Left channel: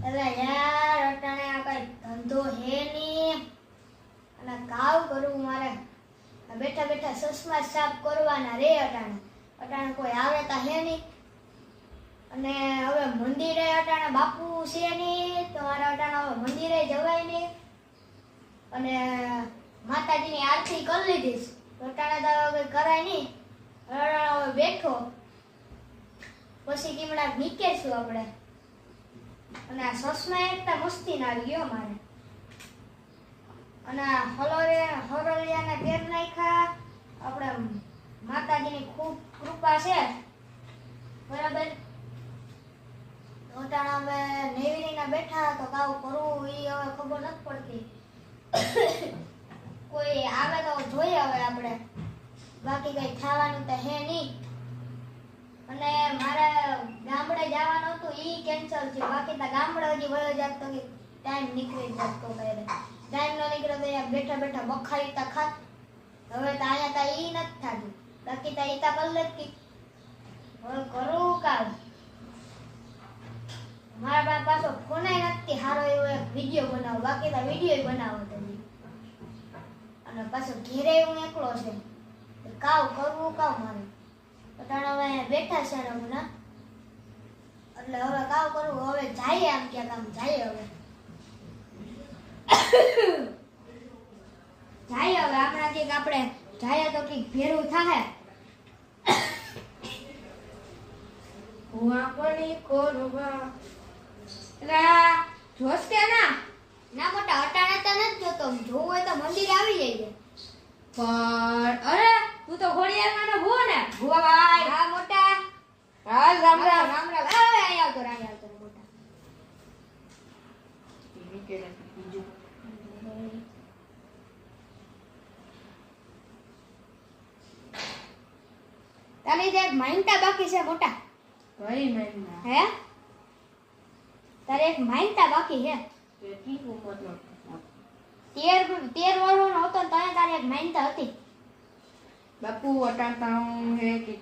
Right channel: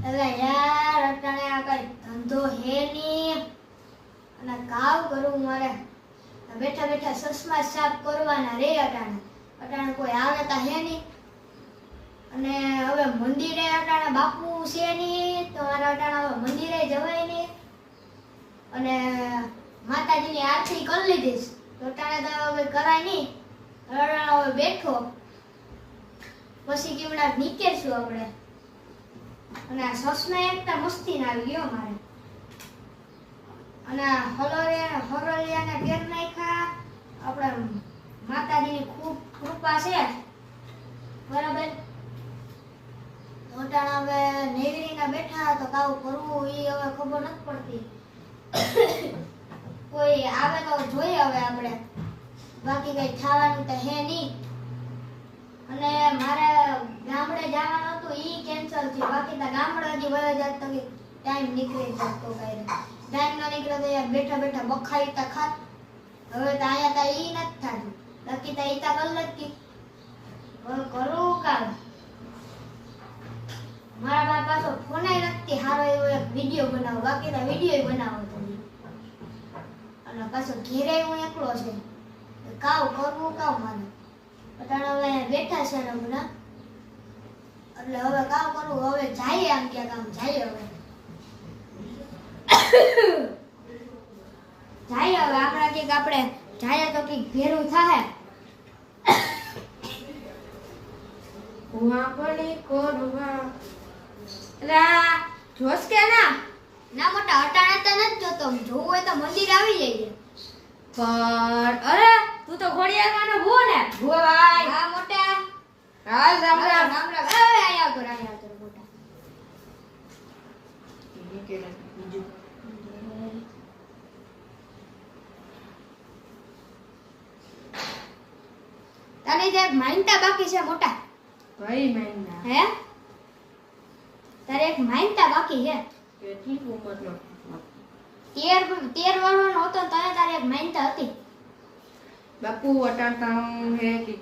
એટલે યાર અટાણે આ કઈ ધંધો હે ની અને કાવ કરું મારે બેઠા બેઠા સસમા સાફ કરવાના રે અટાણે કોઈ આવે તા હે ની અને હવે મંદિરે અટાણે બાપુ છે ની તો મારે અટાણે હવે મંદિરે જવાય નહીં અને માતાજીની આરતી કરી લીધીશ તો અટાણે તો હવે કરાય નહીં હવે બેઠો પછી કેવડા નીકળશું આપણે અને આ સસમા એકતા મસ્તી ના આવી ગયો મારે અને હરોળિયાને પેર નાખ્યા આપણે માતાજીની ખૂબ કૃપા છે બરાબર ઓટાણા હવે નેવડીના બેઠા તો કાવ કરવું ઈ હવે ખબર નથી પડતી કોઈ આવે તો જોઈએ હવે આપણે બાકી કઈ ખાવાનું તો હે નહીં અને મારે ગામડે જવાનું હતું ઈ કેન્સલ થયું બાકી તો ગામડે હજી વયો જાત તો ટાઈમ નીકળી જતો કાંઈ ટાઈમ ન નીકળ્યો તો યાર બેઠા બેઠા બખારી તા ખાત હવે તો અહીંયા તો ઈ નથી થતું બાકી તો ઈ તો કર લતી હવે કરું કાલ મારા બા પાછો ફોન નથી હારો એવો એક વિડીયો બનાવો બાકી તો વિડીયો બનાવો તો અને પાછો ઘેરે હું એકલો છે કાવ કરવું કાવ મારે અટાણે હવે બેઠા છે રમના એટલે હવે કાવ કરવું હવે જાય આમ ક્યાંક આમ જાય હવે જાય હવે આપણા કઈક આપણે જાય તો કઈક ભેરું થાય વાપણી કોરવા એલા જોશ કે ના ના મોટા અટાણે તો નથી જોતો જોવું હોય તો મંદિર આવી જાય પણ અરે તું તો ઘોડિયાળવાનો ભૂ ને ભુવાઈ હા મોટા હાલ રામ રામ રામ રામ અહીંયા આવતો મોટા તને જે માનતા બાકી છે મોટા કઈ મહિના હે તારે એક માનતા બાકી છે કેટલી ઉંમરનો 13 વર્ષનો હતો ને તને તારે એક માનતા હતી બાપુ અટાણતા હે કે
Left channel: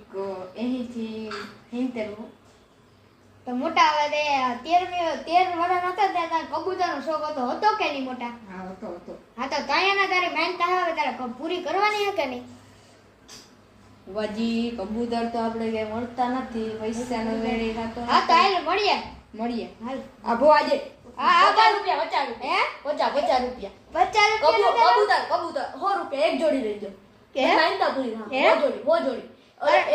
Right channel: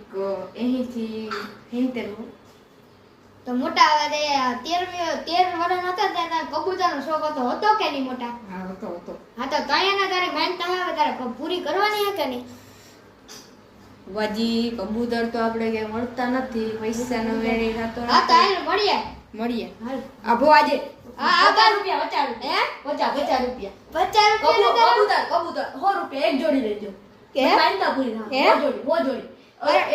અહીંથી હિંતેલું તો મોટા હવે 13 વર્ષ હતા ત્યારે કબૂતરનો શોખ હતો કે નહીં મોટા હા હતો હા તો તને તારી માનતા હવે તારે પૂરી કરવાની હે કે નહીં વજી કબૂતર તો આપણે કઈ મળતા નથી પૈસાનો વેરી થતો હા તો હાલ મળીએ હાલ આભો આજે હા 50 રૂપિયા 50 રૂપિયા 50 કબૂતર 100 રૂપિયા એક જોડી લેજો કે માનતા પૂરી હે? હો જોડી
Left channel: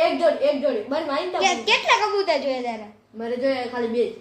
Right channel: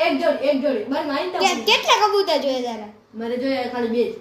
એક જોડી બસ માનતા પૂરી. કેટલા કબૂતર જોઈએ તારે મારે જોઈએ ખાલી બે જ.